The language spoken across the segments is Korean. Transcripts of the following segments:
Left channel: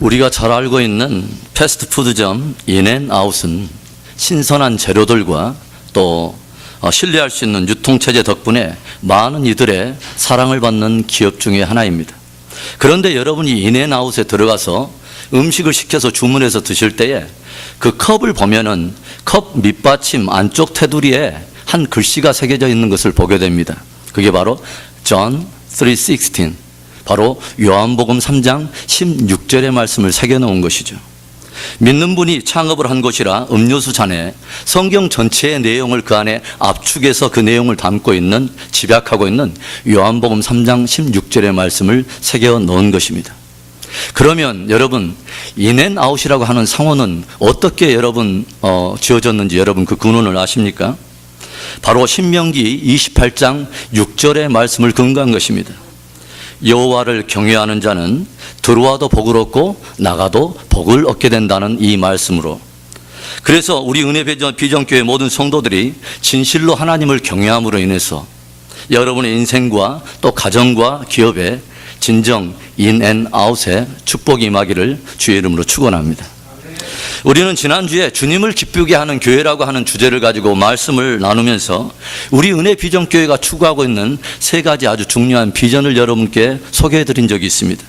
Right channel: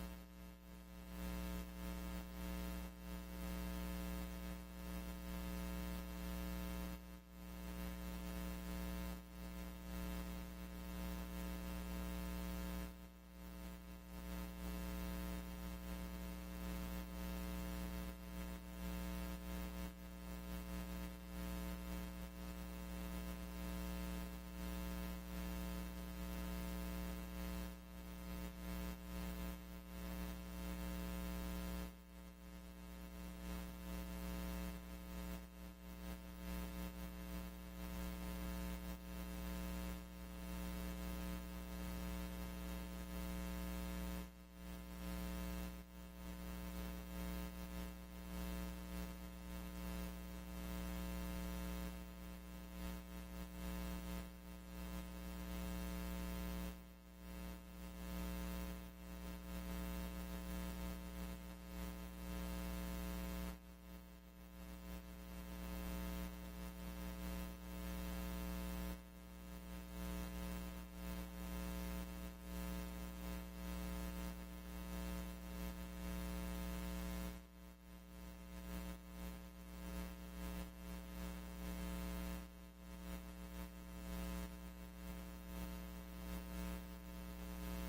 우리가 잘 알고 있는 패스트푸드점 인앤아웃은 신선한 재료들과 또 신뢰할 수 있는 유통체제 덕분에 많은 이들의 사랑을 받는 기업 중에 하나입니다. 그런데 여러분이 인앤아웃에 들어가서 음식을 시켜서 주문해서 드실 때에 그 컵을 보면은 컵 밑받침 안쪽 테두리에 한 글씨가 새겨져 있는 것을 보게 됩니다. 그게 바로 John 3:16, 바로 요한복음 3장 16절의 말씀을 새겨놓은 것이죠. 믿는 분이 창업을 한 곳이라 음료수 잔에 성경 전체의 내용을 그 안에 압축해서 그 내용을 담고 있는, 집약하고 있는 요한복음 3장 16절의 말씀을 새겨 놓은 것입니다. 그러면 여러분, 인앤아웃이라고 하는 상호는 어떻게 여러분 지어졌는지 여러분 그 근원을 아십니까? 바로 신명기 28장 6절의 말씀을 근거한 것입니다. 여호와를 경외하는 자는 들어와도 복을 얻고 나가도 복을 얻게 된다는 이 말씀으로, 그래서 우리 은혜 비전교회 모든 성도들이 진실로 하나님을 경외함으로 인해서 여러분의 인생과 또 가정과 기업에 진정 인앤아웃의 축복이 임하기를 주의 이름으로 축원합니다. 우리는 지난주에 주님을 기쁘게 하는 교회라고 하는 주제를 가지고 말씀을 나누면서 우리 은혜 비전교회가 추구하고 있는 세 가지 아주 중요한 비전을 여러분께 소개해 드린 적이 있습니다.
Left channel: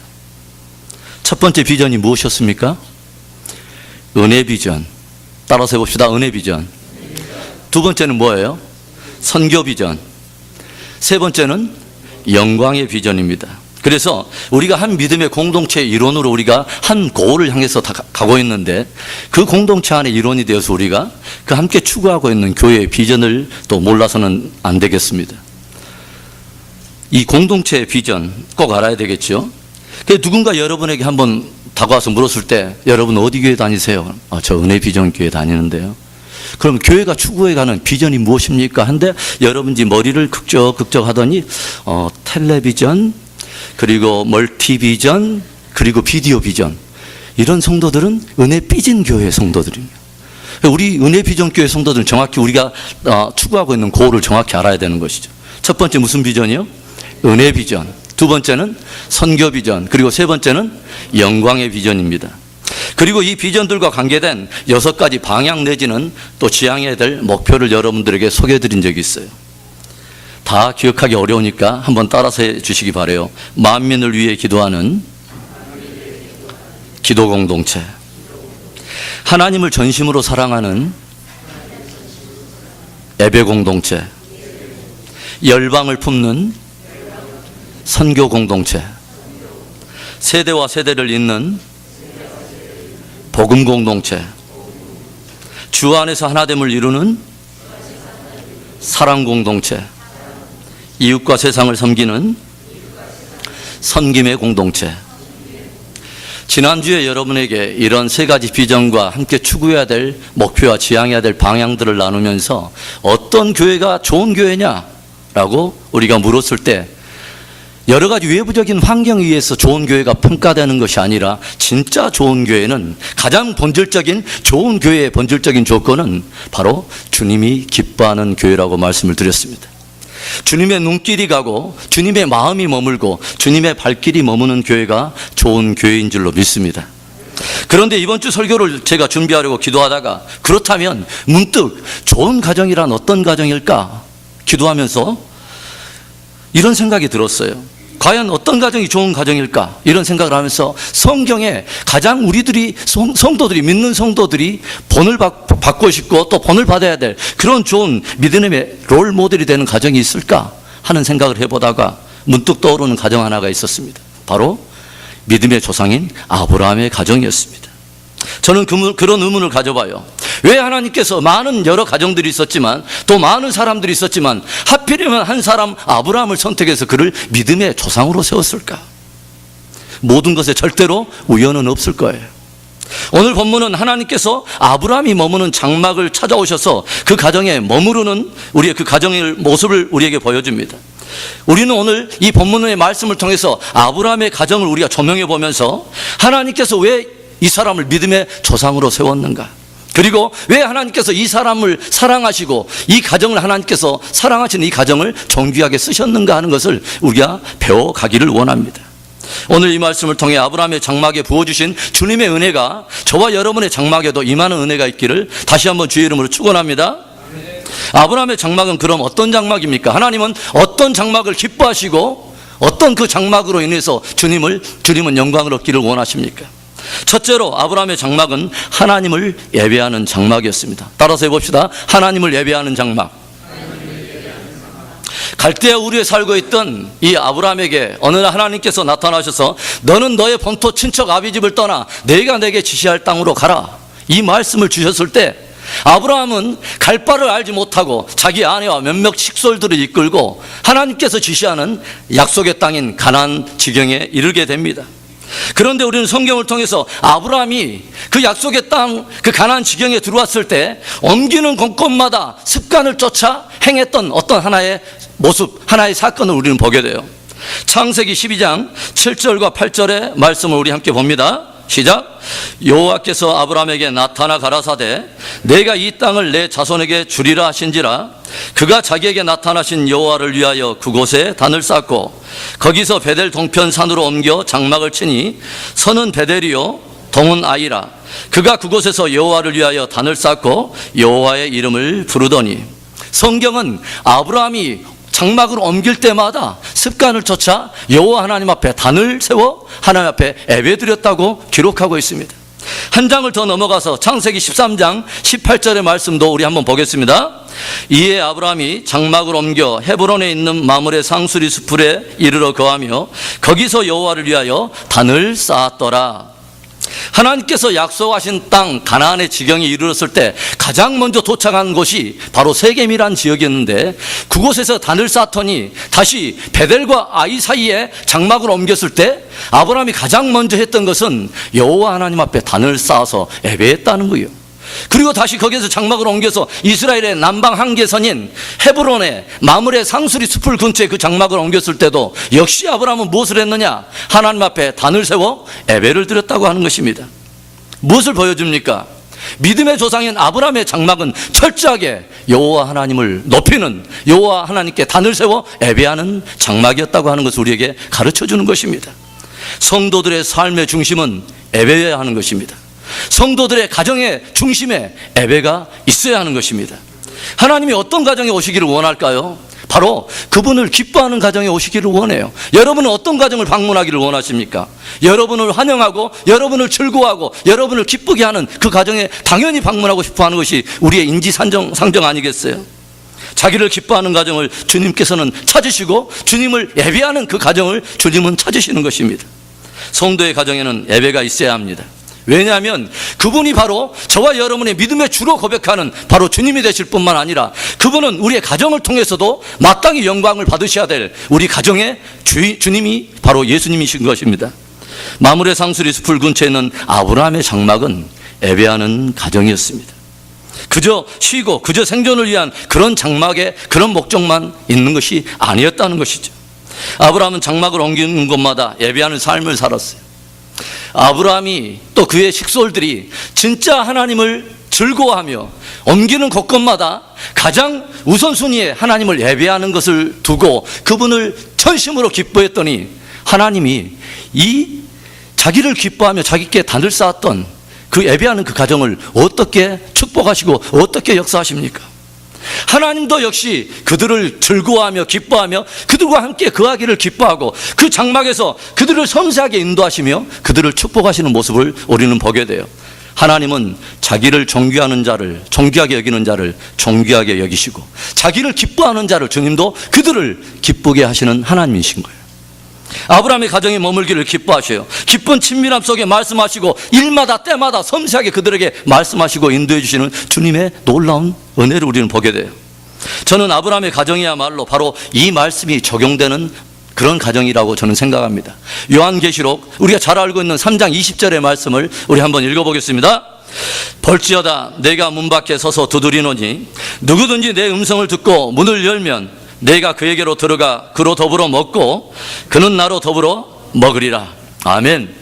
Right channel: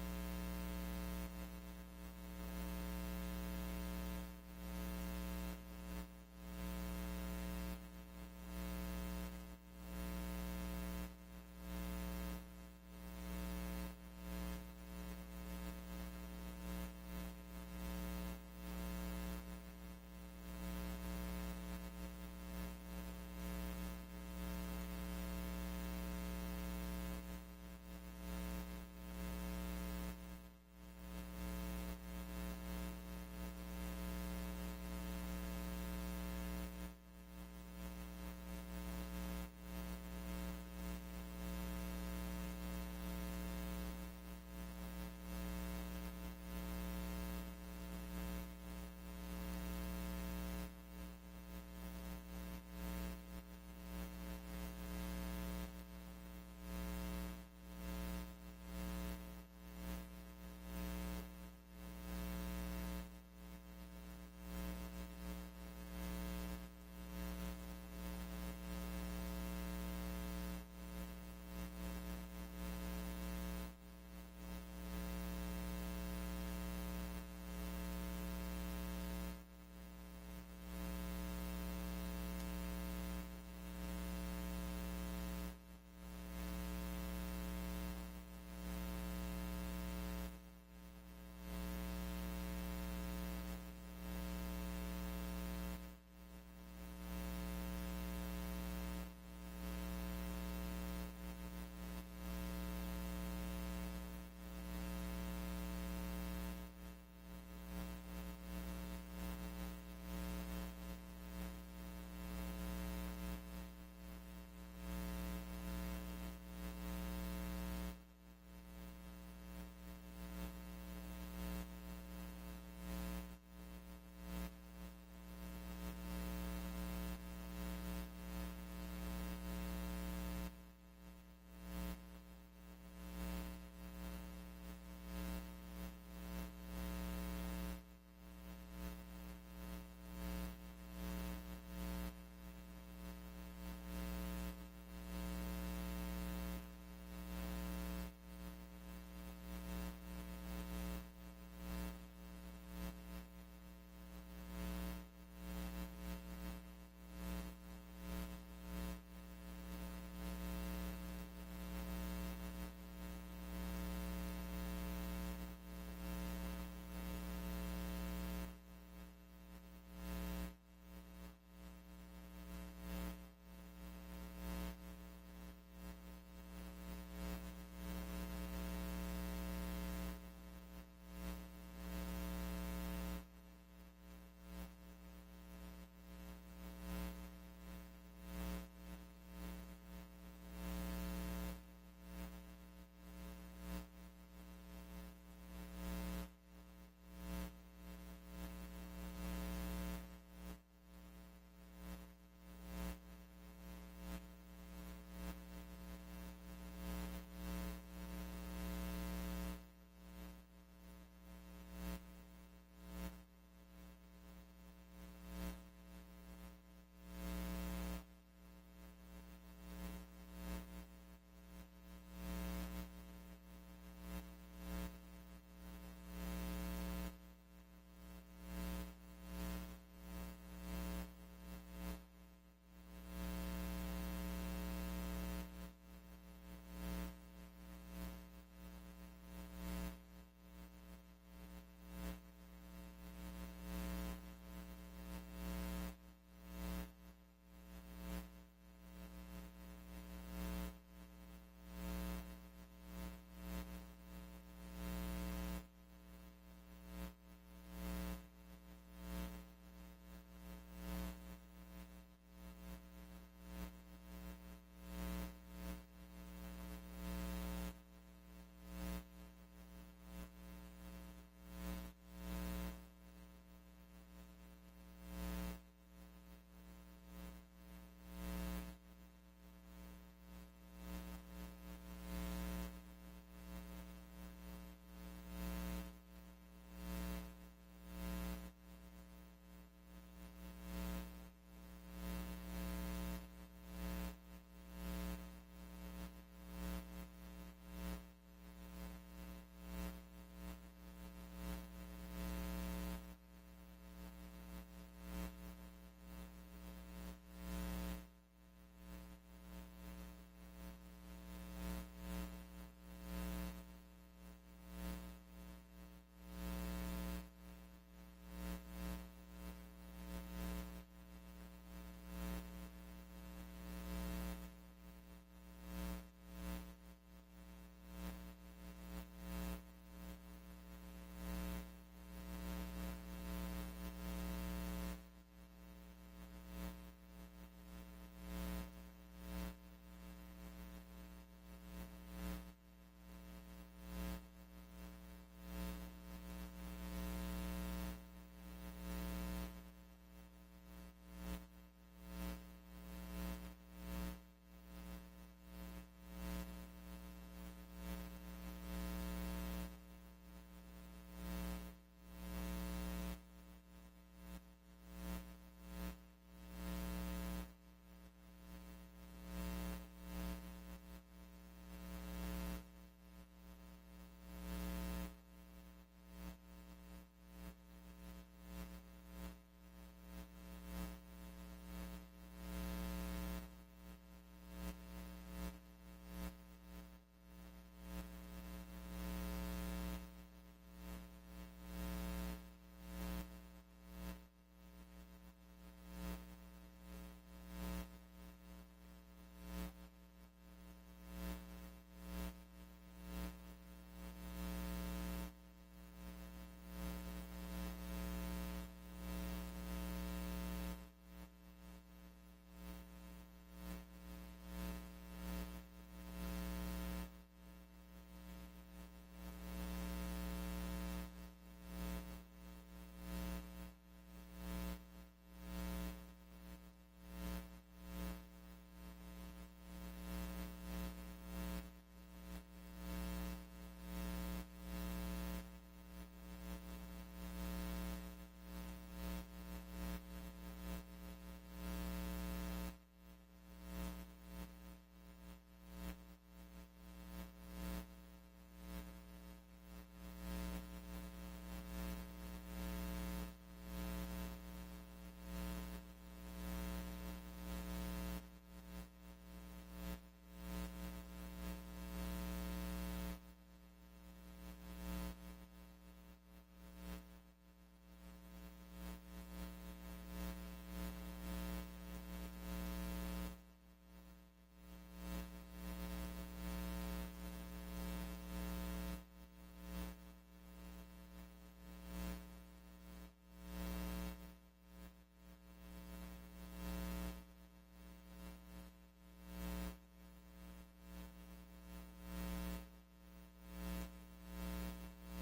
첫 번째 비전이 무엇이었습니까? 은혜 비전. 따라서 해봅시다. 은혜 비전. 두 번째는 뭐예요? 선교 비전. 세 번째는 영광의 비전입니다. 그래서 우리가 한 믿음의 공동체의 일원으로 우리가 한 고을을 향해서 다 가고 있는데, 그 공동체 안에 일원이 되어서 우리가 그 함께 추구하고 있는 교회의 비전을 또 몰라서는 안 되겠습니다. 이 공동체의 비전 꼭 알아야 되겠죠. 누군가 여러분에게 한번 다가와서 물었을 때 여러분 어디 교회 다니세요? 저 은혜 비전 교회 다니는데요. 그럼 교회가 추구해가는 비전이 무엇입니까? 한데 여러분이 머리를 극적 하더니 텔레비전, 그리고 멀티비전, 그리고 비디오 비전, 이런 성도들은 은혜 삐진 교회 성도들입니다. 우리 은혜 비전 교회 성도들은 정확히 우리가 추구하고 있는 고를 정확히 알아야 되는 것이죠. 첫 번째 무슨 비전이요? 은혜 비전. 두 번째는 선교 비전. 그리고 세 번째는 영광의 비전입니다. 그리고 이 비전들과 관계된 6가지 방향 내지는 또 지향해야 될 목표를 여러분들에게 소개해 드린 적이 있어요. 다 기억하기 어려우니까 한번 따라서 해 주시기 바라요. 만민을 위해 기도하는 기도 공동체, 하나님을 전심으로 사랑하는 예배 공동체, 열방을 품는 선교 공동체, 세대와 세대를 잇는 복음 공동체, 주 안에서 하나됨을 이루는 사랑 공동체, 이웃과 세상을 섬기는 선김의 공동체. 지난주에 여러분에게 이런 세 가지 비전과 함께 추구해야 될 목표와 지향해야 될 방향들을 나누면서 어떤 교회가 좋은 교회냐라고 우리가 물었을 때 여러 가지 외부적인 환경에 의해서 좋은 교회가 평가되는 것이 아니라, 진짜 좋은 교회는, 가장 본질적인 좋은 교회의 본질적인 조건은 바로 주님이 기뻐하는 교회라고 말씀을 드렸습니다. 주님의 눈길이 가고 주님의 마음이 머물고 주님의 발길이 머무는 교회가 좋은 교회인 줄로 믿습니다. 그런데 이번 주 설교를 제가 준비하려고 기도하다가, 그렇다면 문득 좋은 가정이란 어떤 가정일까 기도하면서 이런 생각이 들었어요. 과연 어떤 가정이 좋은 가정일까, 이런 생각을 하면서 성경에 가장 우리들이 성도들이, 믿는 성도들이 본을 받고 싶고 또 본을 받아야 될 그런 좋은 믿음의 롤 모델이 되는 가정이 있을까 하는 생각을 해보다가 문득 떠오르는 가정 하나가 있었습니다. 바로 믿음의 조상인 아브라함의 가정이었습니다. 저는 그런 의문을 가져봐요. 왜 하나님께서 많은 여러 가정들이 있었지만, 또 많은 사람들이 있었지만, 하필이면 한 사람 아브라함을 선택해서 그를 믿음의 조상으로 세웠을까? 모든 것에 절대로 우연은 없을 거예요. 오늘 본문은 하나님께서 아브라함이 머무는 장막을 찾아오셔서 그 가정에 머무르는 우리의 그 가정의 모습을 우리에게 보여줍니다. 우리는 오늘 이 본문의 말씀을 통해서 아브라함의 가정을 우리가 조명해 보면서 하나님께서 왜 이 사람을 믿음의 조상으로 세웠는가, 그리고 왜 하나님께서 이 사람을 사랑하시고 이 가정을, 하나님께서 사랑하시는 이 가정을 존귀하게 쓰셨는가 하는 것을 우리가 배워가기를 원합니다. 오늘 이 말씀을 통해 아브라함의 장막에 부어주신 주님의 은혜가 저와 여러분의 장막에도 임하는 은혜가 있기를 다시 한번 주의 이름으로 축원합니다. 아브라함의 장막은 그럼 어떤 장막입니까? 하나님은 어떤 장막을 기뻐하시고 어떤 그 장막으로 인해서 주님은 영광을 얻기를 원하십니까? 첫째로 아브라함의 장막은 하나님을 예배하는 장막이었습니다. 따라서 해봅시다. 하나님을 예배하는 장막. 갈대아 우리에 살고 있던 이 아브라함에게 어느 날 하나님께서 나타나셔서 너는 너의 본토 친척 아비집을 떠나 내가 내게 지시할 땅으로 가라, 이 말씀을 주셨을 때 아브라함은 갈 바를 알지 못하고 자기 아내와 몇몇 식솔들을 이끌고 하나님께서 지시하는 약속의 땅인 가나안 지경에 이르게 됩니다. 그런데 우리는 성경을 통해서 아브라함이 그 약속의 땅, 그 가나안 지경에 들어왔을 때 옮기는 곳곳마다 습관을 쫓아 행했던 어떤 하나의 모습, 하나의 사건을 우리는 보게 돼요. 창세기 12장 7절과 8절의 말씀을 우리 함께 봅니다. 시작. 여호와께서 아브라함에게 나타나 가라사대 내가 이 땅을 내 자손에게 주리라 하신지라. 그가 자기에게 나타나신 여호와를 위하여 그곳에 단을 쌓고 거기서 베델 동편 산으로 옮겨 장막을 치니 서는 베델이요 동은 아이라. 그가 그곳에서 여호와를 위하여 단을 쌓고 여호와의 이름을 부르더니, 성경은 아브라함이 장막을 옮길 때마다 습관을 쫓아 여호와 하나님 앞에 단을 세워 하나님 앞에 예배드렸다고 기록하고 있습니다. 한 장을 더 넘어가서 창세기 13장 18절의 말씀도 우리 한번 보겠습니다. 이에 아브라함이 장막을 옮겨 헤브론에 있는 마므레 상수리 수풀에 이르러 거하며 거기서 여호와를 위하여 단을 쌓았더라. 하나님께서 약속하신 땅 가나안의 지경에 이르렀을 때 가장 먼저 도착한 곳이 바로 세겜이란 지역이었는데, 그곳에서 단을 쌓더니 다시 베델과 아이 사이에 장막을 옮겼을 때 아브라함이 가장 먼저 했던 것은 여호와 하나님 앞에 단을 쌓아서 예배했다는 거예요. 그리고 다시 거기에서 장막을 옮겨서 이스라엘의 남방 한계선인 헤브론의 마므레 상수리 숲을 근처에 그 장막을 옮겼을 때도 역시 아브라함은 무엇을 했느냐? 하나님 앞에 단을 세워 예배를 드렸다고 하는 것입니다. 무엇을 보여줍니까? 믿음의 조상인 아브라함의 장막은 철저하게 여호와 하나님을 높이는, 여호와 하나님께 단을 세워 예배하는 장막이었다고 하는 것을 우리에게 가르쳐주는 것입니다. 성도들의 삶의 중심은 예배여야 하는 것입니다. 성도들의 가정의 중심에 예배가 있어야 하는 것입니다. 하나님이 어떤 가정에 오시기를 원할까요? 바로 그분을 기뻐하는 가정에 오시기를 원해요. 여러분은 어떤 가정을 방문하기를 원하십니까? 여러분을 환영하고 여러분을 즐거워하고 여러분을 기쁘게 하는 그 가정에 당연히 방문하고 싶어하는 것이 우리의 인지상정 아니겠어요? 자기를 기뻐하는 가정을 주님께서는 찾으시고 주님을 예배하는 그 가정을 주님은 찾으시는 것입니다. 성도의 가정에는 예배가 있어야 합니다. 왜냐하면 그분이 바로 저와 여러분의 믿음의 주로 고백하는 바로 주님이 되실 뿐만 아니라 그분은 우리의 가정을 통해서도 마땅히 영광을 받으셔야 될 우리 가정의 주님이 바로 예수님이신 것입니다. 마므레 상수리 숲을 근처에 있는 아브라함의 장막은 예배하는 가정이었습니다. 그저 쉬고 그저 생존을 위한 그런 장막에 그런 목적만 있는 것이 아니었다는 것이죠. 아브라함은 장막을 옮기는 곳마다 예배하는 삶을 살았어요. 아브라함이 또 그의 식솔들이 진짜 하나님을 즐거워하며 옮기는 곳곳마다 가장 우선순위에 하나님을 예배하는 것을 두고 그분을 전심으로 기뻐했더니 하나님이 이 자기를 기뻐하며 자기께 단을 쌓았던 그 예배하는 그 가정을 어떻게 축복하시고 어떻게 역사하십니까? 하나님도 역시 그들을 즐거워하며 기뻐하며 그들과 함께 거하기를 기뻐하고 그 장막에서 그들을 섬세하게 인도하시며 그들을 축복하시는 모습을 우리는 보게 돼요. 하나님은 자기를 존귀하는 자를, 존귀하게 여기는 자를 존귀하게 여기시고 자기를 기뻐하는 자를, 주님도 그들을 기쁘게 하시는 하나님이신 거예요. 아브라함의 가정에 머물기를 기뻐하셔요. 기쁜 친밀함 속에 말씀하시고 일마다 때마다 섬세하게 그들에게 말씀하시고 인도해 주시는 주님의 놀라운 은혜를 우리는 보게 돼요. 저는 아브라함의 가정이야말로 바로 이 말씀이 적용되는 그런 가정이라고 저는 생각합니다. 요한계시록 우리가 잘 알고 있는 3장 20절의 말씀을 우리 한번 읽어보겠습니다. 볼지어다 내가 문 밖에 서서 두드리노니 누구든지 내 음성을 듣고 문을 열면 내가 그에게로 들어가 그로 더불어 먹고 그는 나로 더불어 먹으리라. 아멘.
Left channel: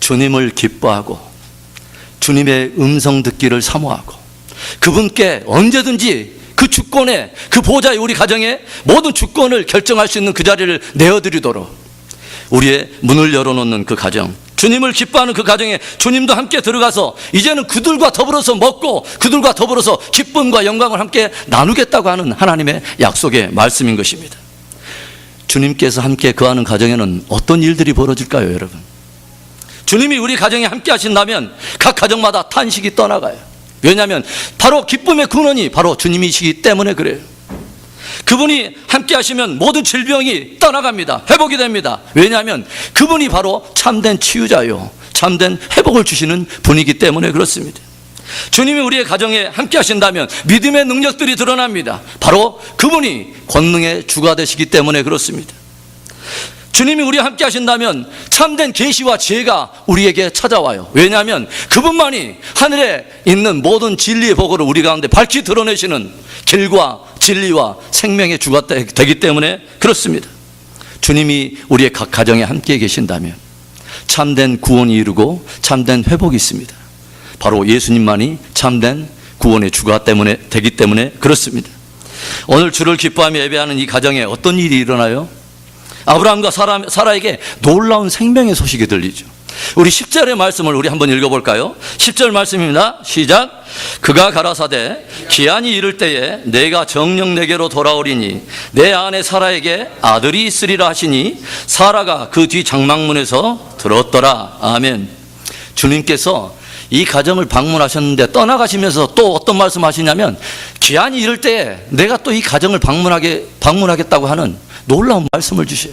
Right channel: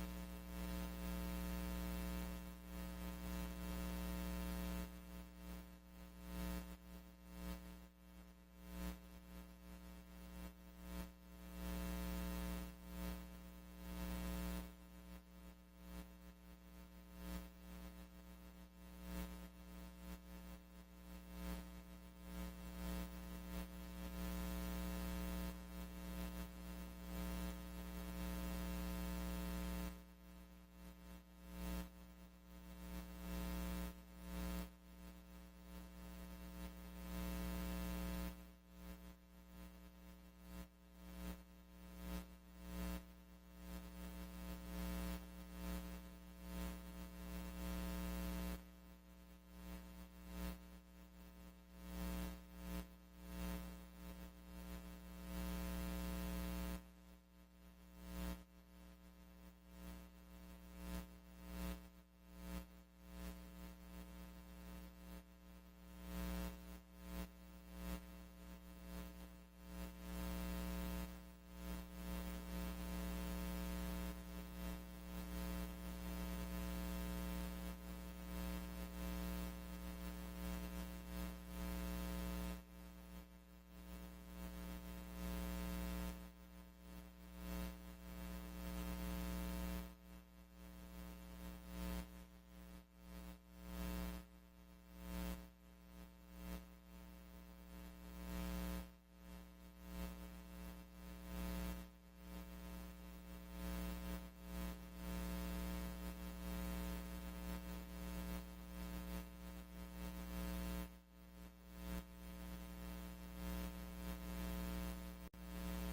주님을 기뻐하고 주님의 음성 듣기를 사모하고 그분께 언제든지 그 주권에, 그 보좌에 우리 가정에 모든 주권을 결정할 수 있는 그 자리를 내어드리도록 우리의 문을 열어놓는 그 가정, 주님을 기뻐하는 그 가정에 주님도 함께 들어가서 이제는 그들과 더불어서 먹고 그들과 더불어서 기쁨과 영광을 함께 나누겠다고 하는 하나님의 약속의 말씀인 것입니다. 주님께서 함께 거하는 가정에는 어떤 일들이 벌어질까요, 여러분? 주님이 우리 가정에 함께 하신다면 각 가정마다 탄식이 떠나가요. 왜냐하면 바로 기쁨의 근원이 바로 주님이시기 때문에 그래요. 그분이 함께 하시면 모든 질병이 떠나갑니다. 회복이 됩니다. 왜냐하면 그분이 바로 참된 치유자요, 참된 회복을 주시는 분이기 때문에 그렇습니다. 주님이 우리의 가정에 함께 하신다면 믿음의 능력들이 드러납니다. 바로 그분이 권능의 주가 되시기 때문에 그렇습니다. 주님이 우리와 함께 하신다면 참된 계시와 지혜가 우리에게 찾아와요. 왜냐하면 그분만이 하늘에 있는 모든 진리의 복을 우리 가운데 밝히 드러내시는 길과 진리와 생명의 주가 되기 때문에 그렇습니다. 주님이 우리의 각 가정에 함께 계신다면 참된 구원이 이루고 참된 회복이 있습니다. 바로 예수님만이 참된 구원의 주가 되기 때문에 그렇습니다. 오늘 주를 기뻐하며 예배하는 이 가정에 어떤 일이 일어나요? 아브라함과 사라에게 놀라운 생명의 소식이 들리죠. 우리 10절의 말씀을 우리 한번 읽어볼까요? 10절 말씀입니다. 시작. 그가 가라사대 기한이 이를 때에 내가 정녕 내게로 돌아오리니 내 아내 사라에게 아들이 있으리라 하시니 사라가 그 뒤 장막문에서 들었더라. 아멘. 주님께서 이 가정을 방문하셨는데 떠나가시면서 또 어떤 말씀 하시냐면 기한이 이를 때에 내가 또 이 가정을 방문하겠다고 하는 놀라운 말씀을 주셔요.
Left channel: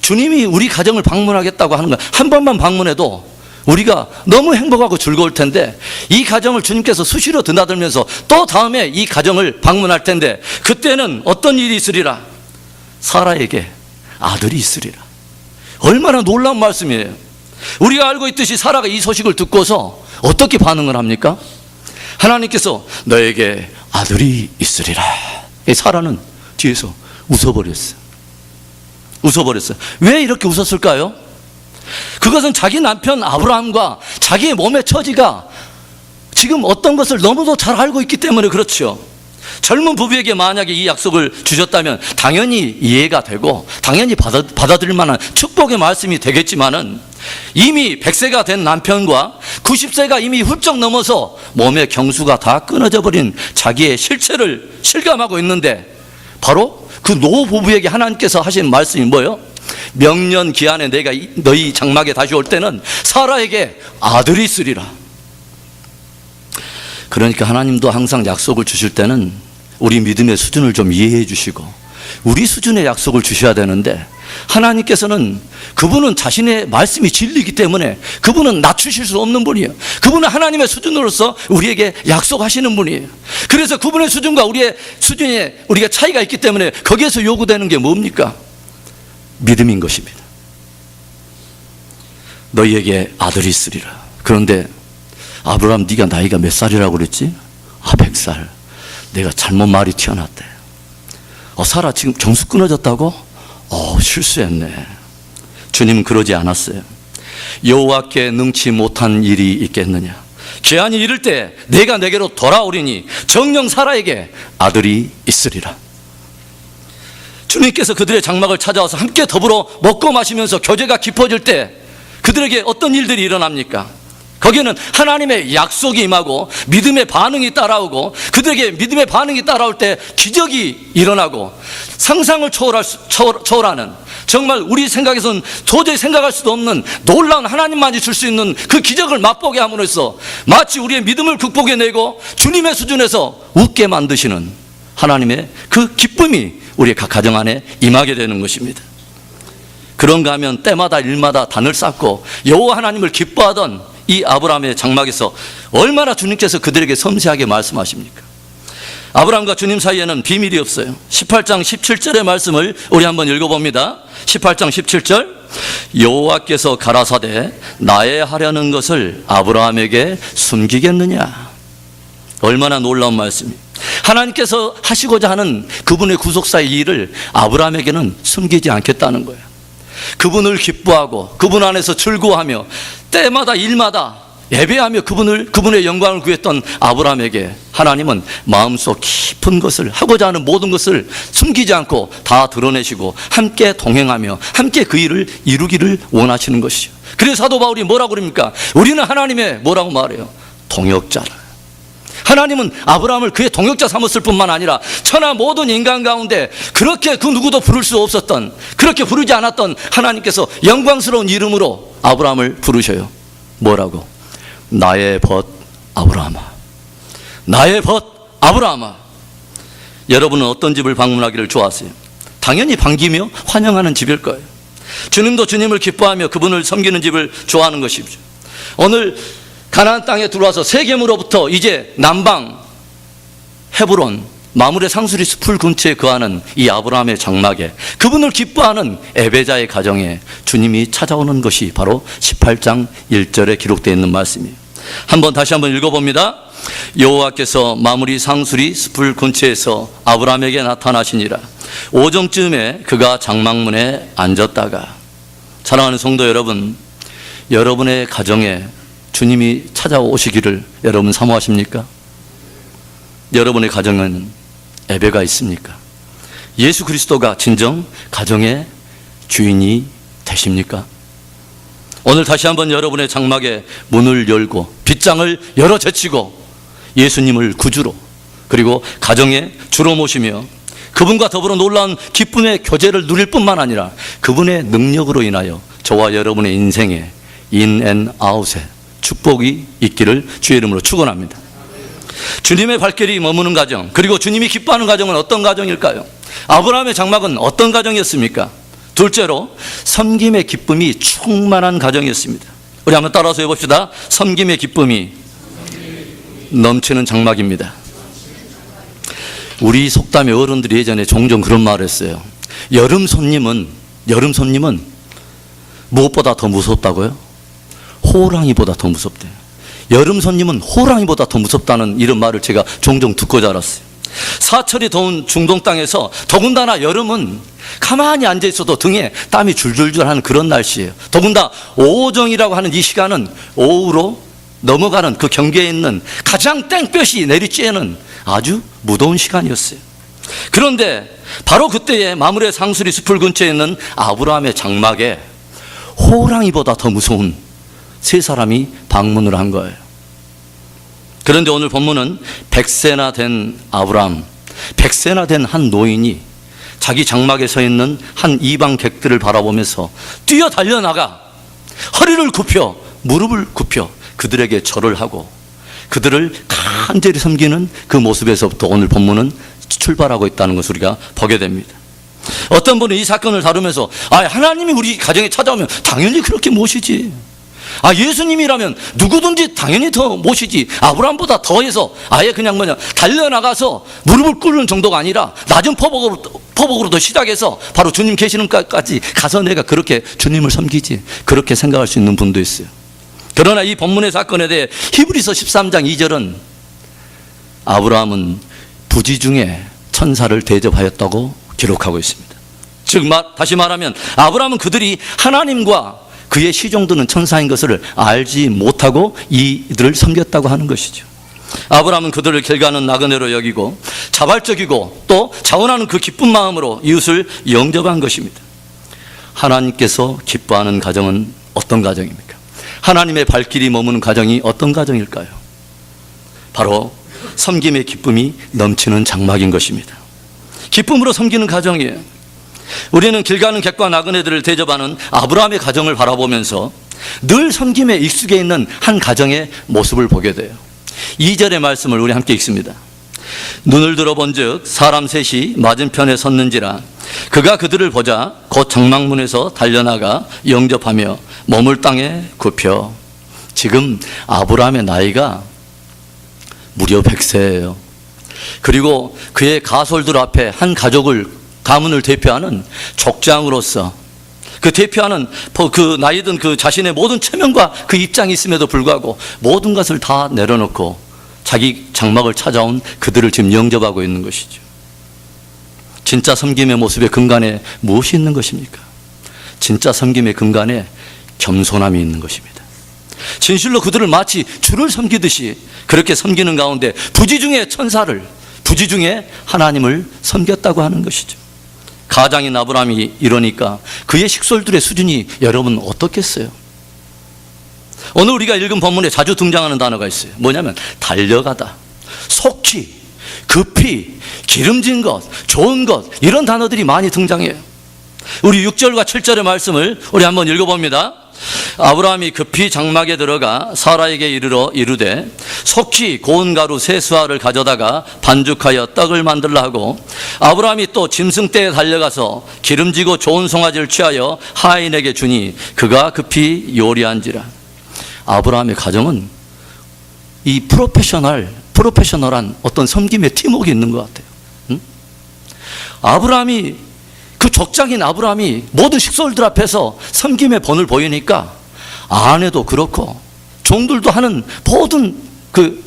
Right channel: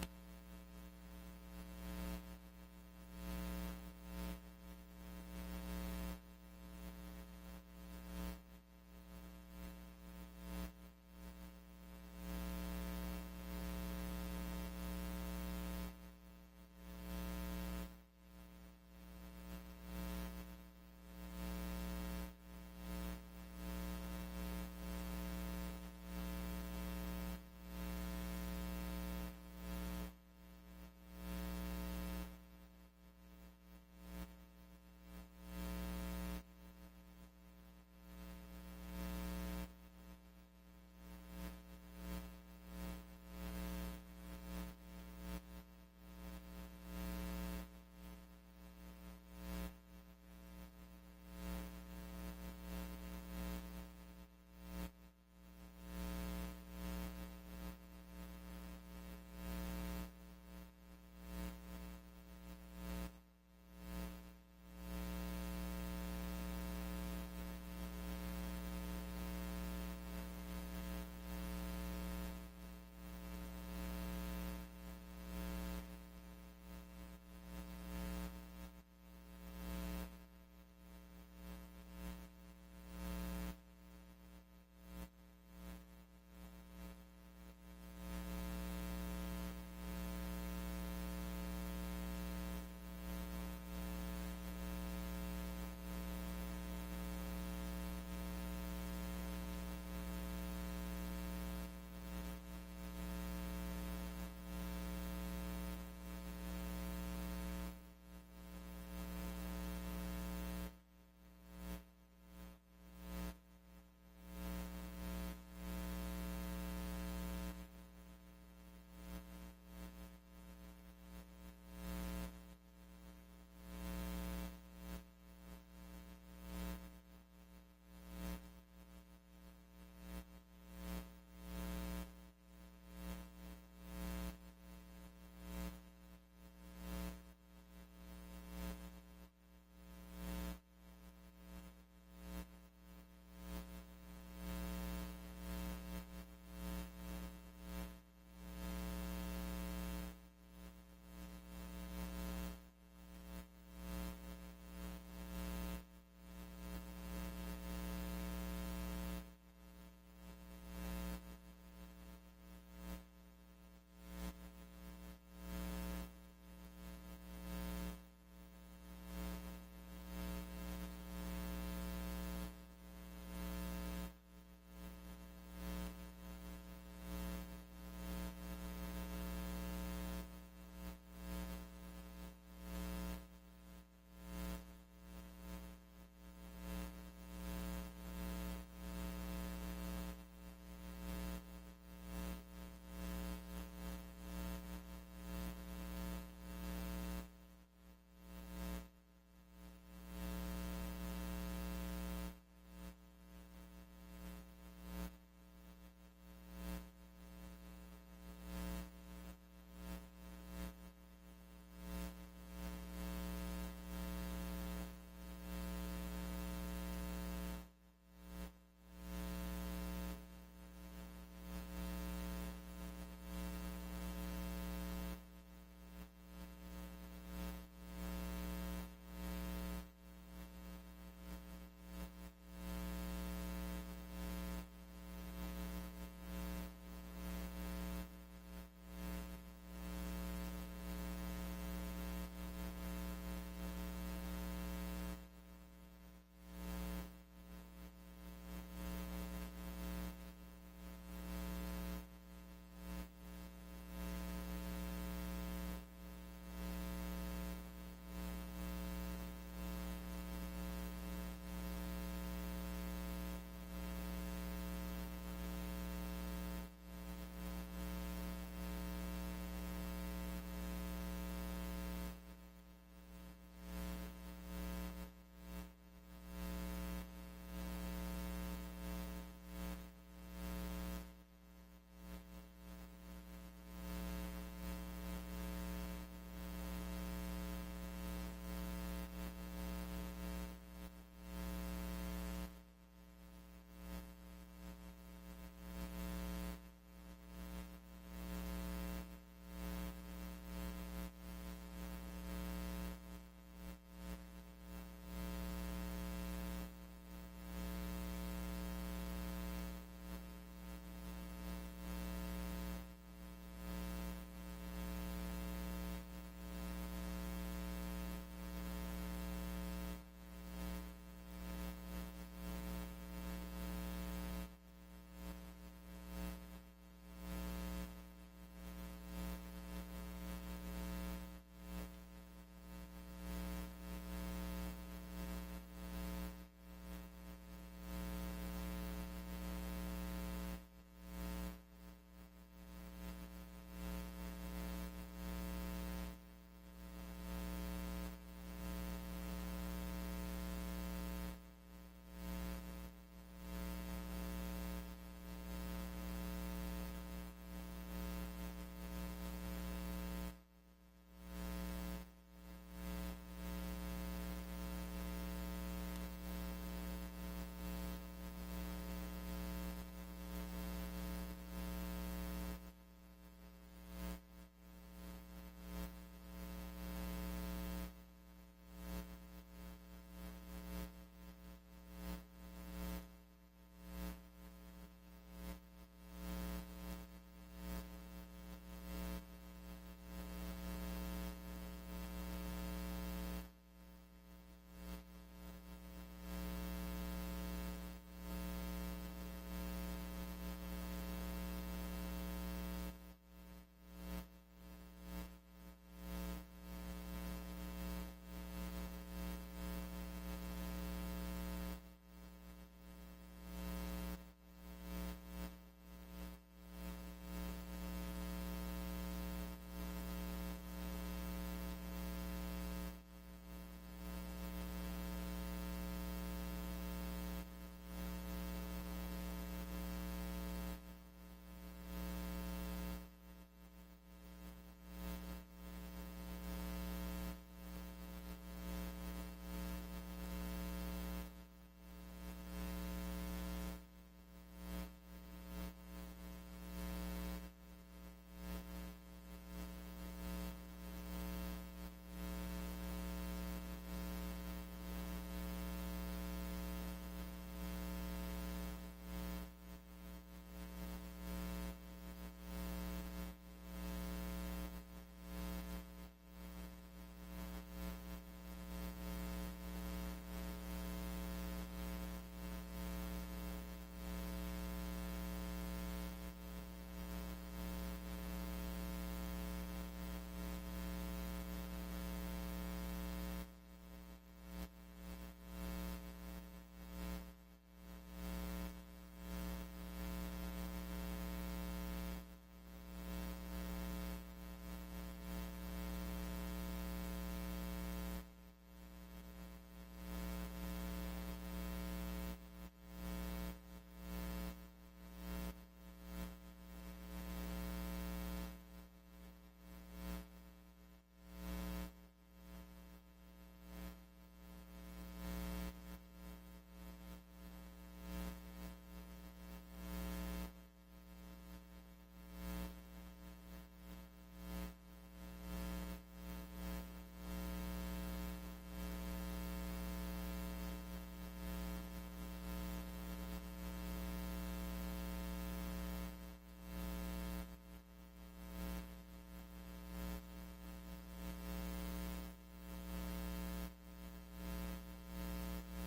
주님이 우리 가정을 방문하겠다고 하는 거 한 번만 방문해도 우리가 너무 행복하고 즐거울 텐데 이 가정을 주님께서 수시로 드나들면서 또 다음에 이 가정을 방문할 텐데 그때는 어떤 일이 있으리라? 사라에게 아들이 있으리라. 얼마나 놀라운 말씀이에요. 우리가 알고 있듯이 사라가 이 소식을 듣고서 어떻게 반응을 합니까? 하나님께서 너에게 아들이 있으리라. 사라는 뒤에서 웃어버렸어요. 왜 이렇게 웃었을까요? 그것은 자기 남편 아브라함과 자기의 몸의 처지가 지금 어떤 것을 너무도 잘 알고 있기 때문에 그렇죠. 젊은 부부에게 만약에 이 약속을 주셨다면 당연히 이해가 되고 당연히 받아들일 만한 축복의 말씀이 되겠지만은 이미 100세가 된 남편과 90세가 이미 훌쩍 넘어서 몸의 경수가 다 끊어져 버린 자기의 실체를 실감하고 있는데 바로 그 노부부에게 하나님께서 하신 말씀이 뭐예요? 명년 기한에 내가 너희 장막에 다시 올 때는 사라에게 아들이 있으리라. 그러니까 하나님도 항상 약속을 주실 때는 우리 믿음의 수준을 좀 이해해 주시고 우리 수준의 약속을 주셔야 되는데 하나님께서는 그분은 자신의 말씀이 진리이기 때문에 그분은 낮추실 수 없는 분이에요. 그분은 하나님의 수준으로서 우리에게 약속하시는 분이에요. 그래서 그분의 수준과 우리의 수준에 우리가 차이가 있기 때문에 거기에서 요구되는 게 뭡니까? 믿음인 것입니다. 너희에게 아들이 있으리라. 그런데 아브라함 네가 나이가 몇 살이라고 그랬지? 100살. 내가 잘못 말이 튀어났대. 사라 지금 정수 끊어졌다고? 실수했네. 주님은 그러지 않았어요. 여호와께 능치 못한 일이 있겠느냐. 기한이 이를 때 내가 내게로 돌아오리니 정녕 사라에게 아들이 있으리라. 주님께서 그들의 장막을 찾아와서 함께 더불어 먹고 마시면서 교제가 깊어질 때 그들에게 어떤 일들이 일어납니까? 거기에는 하나님의 약속이 임하고 믿음의 반응이 따라오고 그들에게 믿음의 반응이 따라올 때 기적이 일어나고 상상을 초월하는 정말 우리 생각에서는 도저히 생각할 수도 없는 놀라운 하나님만이 줄 수 있는 그 기적을 맛보게 함으로써 마치 우리의 믿음을 극복해내고 주님의 수준에서 웃게 만드시는 하나님의 그 기쁨이 우리의 각 가정 안에 임하게 되는 것입니다. 그런가 하면 때마다 일마다 단을 쌓고 여호와 하나님을 기뻐하던 이 아브라함의 장막에서 얼마나 주님께서 그들에게 섬세하게 말씀하십니까? 아브라함과 주님 사이에는 비밀이 없어요. 18장 17절의 말씀을 우리 한번 읽어봅니다. 18장 17절 여호와께서 가라사대 나의 하려는 것을 아브라함에게 숨기겠느냐. 얼마나 놀라운 말씀이에요. 하나님께서 하시고자 하는 그분의 구속사의 일을 아브라함에게는 숨기지 않겠다는 거예요. 그분을 기뻐하고 그분 안에서 즐거워하며 때마다 일마다 예배하며 그분의 영광을 구했던 아브라함에게 하나님은 마음속 깊은 것을, 하고자 하는 모든 것을 숨기지 않고 다 드러내시고 함께 동행하며 함께 그 일을 이루기를 원하시는 것이죠. 그래서 사도 바울이 뭐라고 그럽니까? 우리는 하나님의 뭐라고 말해요? 동역자라. 하나님은 아브라함을 그의 동역자 삼았을 뿐만 아니라 천하 모든 인간 가운데 그렇게 그 누구도 부를 수 없었던, 그렇게 부르지 않았던 하나님께서 영광스러운 이름으로 아브라함을 부르셔요. 뭐라고? 나의 벗 아브라함아. 나의 벗 아브라함아. 여러분은 어떤 집을 방문하기를 좋아하세요? 당연히 반기며 환영하는 집일 거예요. 주님도 주님을 기뻐하며 그분을 섬기는 집을 좋아하는 것이죠. 오늘 가나안 땅에 들어와서 세겜으로부터 이제 남방 헤브론 마므레 상수리 숲을 근처에 거하는 이 아브라함의 장막에, 그분을 기뻐하는 에베자의 가정에 주님이 찾아오는 것이 바로 18장 1절에 기록되어 있는 말씀이에요. 다시 한번 읽어봅니다. 여호와께서 마므리 상수리 숲을 근처에서 아브라함에게 나타나시니라. 오정쯤에 그가 장막문에 앉았다가. 사랑하는 성도 여러분, 여러분의 가정에 주님이 찾아오시기를 여러분 사모하십니까? 여러분의 가정에는 예배가 있습니까? 예수 그리스도가 진정 가정의 주인이 되십니까? 오늘 다시 한번 여러분의 장막에 문을 열고 빗장을 열어 제치고 예수님을 구주로, 그리고 가정의 주로 모시며 그분과 더불어 놀라운 기쁨의 교제를 누릴 뿐만 아니라 그분의 능력으로 인하여 저와 여러분의 인생에 인앤아웃에 축복이 있기를 주의 이름으로 축원합니다. 주님의 발길이 머무는 가정, 그리고 주님이 기뻐하는 가정은 어떤 가정일까요? 아브라함의 장막은 어떤 가정이었습니까? 둘째로 섬김의 기쁨이 충만한 가정이었습니다. 우리 한번 따라서 해봅시다. 섬김의 기쁨이 넘치는 장막입니다. 우리 속담의 어른들이 예전에 종종 그런 말을 했어요. 여름 손님은 무엇보다 더 무섭다고요? 호랑이보다 더 무섭대요. 여름 손님은 호랑이보다 더 무섭다는 이런 말을 제가 종종 듣고 자랐어요. 사철이 더운 중동 땅에서 더군다나 여름은 가만히 앉아 있어도 등에 땀이 줄줄줄 하는 그런 날씨예요. 더군다나 오정이라고 하는 이 시간은 오후로 넘어가는 그 경계에 있는 가장 땡볕이 내리쬐는 아주 무더운 시간이었어요. 그런데 바로 그때에 마므레 상수리 숲을 근처에 있는 아브라함의 장막에 호랑이보다 더 무서운 세 사람이 방문을 한 거예요. 그런데 오늘 본문은 100세나 된 아브라함, 100세나 된 한 노인이 자기 장막에 서 있는 한 이방 객들을 바라보면서 뛰어 달려나가 허리를 굽혀 무릎을 굽혀 그들에게 절을 하고 그들을 간절히 섬기는 그 모습에서부터 오늘 본문은 출발하고 있다는 것을 우리가 보게 됩니다. 어떤 분은 이 사건을 다루면서 하나님이 우리 가정에 찾아오면 당연히 그렇게 모시지, 예수님이라면 누구든지 당연히 더 모시지, 아브라함보다 더해서 아예 그냥 달려나가서 무릎을 꿇는 정도가 아니라 낮은 포복으로도 시작해서 바로 주님 계시는 곳까지 가서 내가 그렇게 주님을 섬기지, 그렇게 생각할 수 있는 분도 있어요. 그러나 이 본문의 사건에 대해 히브리서 13장 2절은 아브라함은 부지 중에 천사를 대접하였다고 기록하고 있습니다. 즉 다시 말하면 아브라함은 그들이 하나님과 그의 시종드는 천사인 것을 알지 못하고 이들을 섬겼다고 하는 것이죠. 아브라함은 그들을 길가는 나그네로 여기고 자발적이고 또 자원하는 그 기쁜 마음으로 이웃을 영접한 것입니다. 하나님께서 기뻐하는 가정은 어떤 가정입니까? 하나님의 발길이 머무는 가정이 어떤 가정일까요? 바로 섬김의 기쁨이 넘치는 장막인 것입니다. 기쁨으로 섬기는 가정이에요. 우리는 길 가는 객과 나그네들을 대접하는 아브라함의 가정을 바라보면서 늘 섬김에 익숙해 있는 한 가정의 모습을 보게 돼요. 2절의 말씀을 우리 함께 읽습니다. 눈을 들어본즉 사람 셋이 맞은편에 섰는지라 그가 그들을 보자 곧 장막문에서 달려나가 영접하며 몸을 땅에 굽혀. 지금 아브라함의 나이가 무려 100세예요. 그리고 그의 가솔들 앞에 한 가문을 대표하는 족장으로서 그 대표하는 그 나이든 그 자신의 모든 체면과 그 입장이 있음에도 불구하고 모든 것을 다 내려놓고 자기 장막을 찾아온 그들을 지금 영접하고 있는 것이죠. 진짜 섬김의 모습의 근간에 무엇이 있는 것입니까? 진짜 섬김의 근간에 겸손함이 있는 것입니다. 진실로 그들을 마치 주를 섬기듯이 그렇게 섬기는 가운데 부지 중에 천사를, 부지 중에 하나님을 섬겼다고 하는 것이죠. 가장인 아브라함이 이러니까 그의 식솔들의 수준이 여러분 어떻겠어요? 오늘 우리가 읽은 본문에 자주 등장하는 단어가 있어요. 뭐냐면 달려가다, 속히, 급히, 기름진 것, 좋은 것, 이런 단어들이 많이 등장해요. 우리 6절과 7절의 말씀을 우리 한번 읽어봅니다. 아브라함이 급히 장막에 들어가 사라에게 이르러 이르되 속히 고운 가루 세 수알을 가져다가 반죽하여 떡을 만들라 하고, 아브라함이 또 짐승떼에 달려가서 기름지고 좋은 송아지를 취하여 하인에게 주니 그가 급히 요리한지라. 아브라함의 가정은 이 프로페셔널한 어떤 섬김의 팀워크가 있는 것 같아요. 응? 아브라함이, 그 족장인 아브라함이 모든 식솔들 앞에서 섬김의 본을 보이니까 아내도 그렇고 종들도 하는 모든 그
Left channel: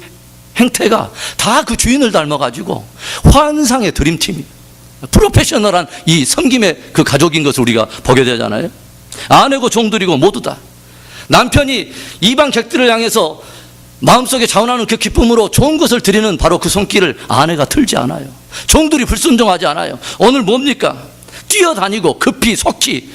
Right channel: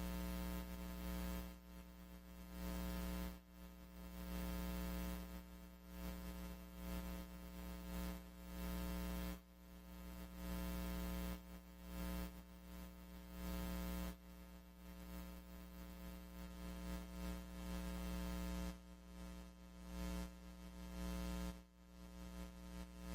행태가 다 그 주인을 닮아가지고 환상의 드림팀이, 프로페셔널한 이 섬김의 그 가족인 것을 우리가 보게 되잖아요. 아내고 종들이고 모두 다 남편이 이방 객들을 향해서 마음속에 자원하는 그 기쁨으로 좋은 것을 드리는 바로 그 손길을 아내가 틀지 않아요. 종들이 불순종하지 않아요. 오늘 뭡니까? 뛰어다니고 급히 속히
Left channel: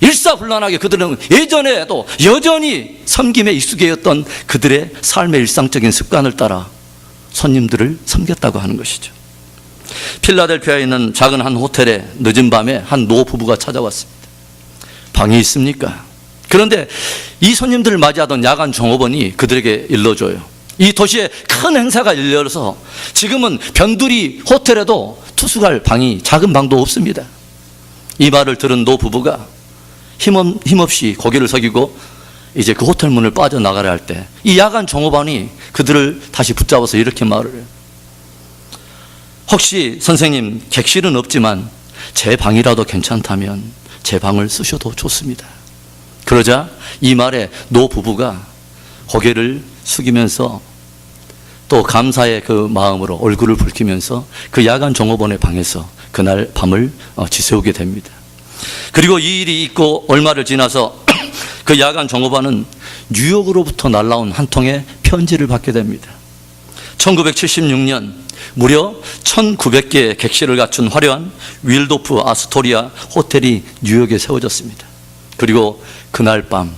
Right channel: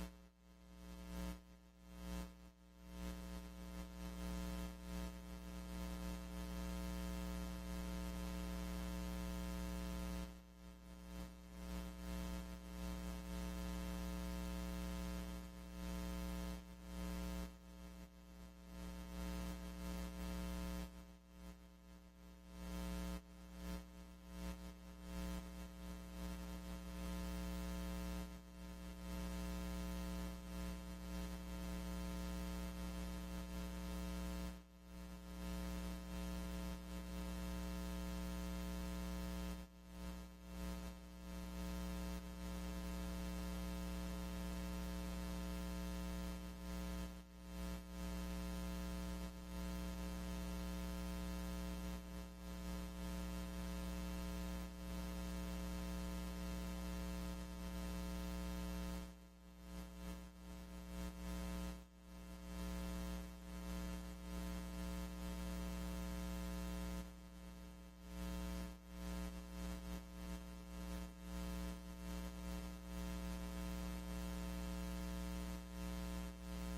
일사불란하게 그들은 예전에도 여전히 섬김에 익숙해였던 그들의 삶의 일상적인 습관을 따라 손님들을 섬겼다고 하는 것이죠. 필라델피아에 있는 작은 한 호텔에 늦은 밤에 한 노부부가 찾아왔습니다. 방이 있습니까? 그런데 이 손님들을 맞이하던 야간 종업원이 그들에게 일러줘요. 이 도시에 큰 행사가 열려서 지금은 변두리 호텔에도 투숙할 방이, 작은 방도 없습니다. 이 말을 들은 노부부가 힘없이 고개를 숙이고 이제 그 호텔 문을 빠져나가려 할 때 이 야간 종업원이 그들을 다시 붙잡아서 이렇게 말을 해요. 혹시 선생님, 객실은 없지만 제 방이라도 괜찮다면 제 방을 쓰셔도 좋습니다. 그러자 이 말에 노부부가 고개를 숙이면서 또 감사의 그 마음으로 얼굴을 붉히면서 그 야간 종업원의 방에서 그날 밤을 지새우게 됩니다. 그리고 이 일이 있고 얼마를 지나서 그 야간 종업원은 뉴욕으로부터 날라온 한 통의 편지를 받게 됩니다. 1976년 무려 1900개의 객실을 갖춘 화려한 윌도프 아스토리아 호텔이 뉴욕에 세워졌습니다. 그리고 그날 밤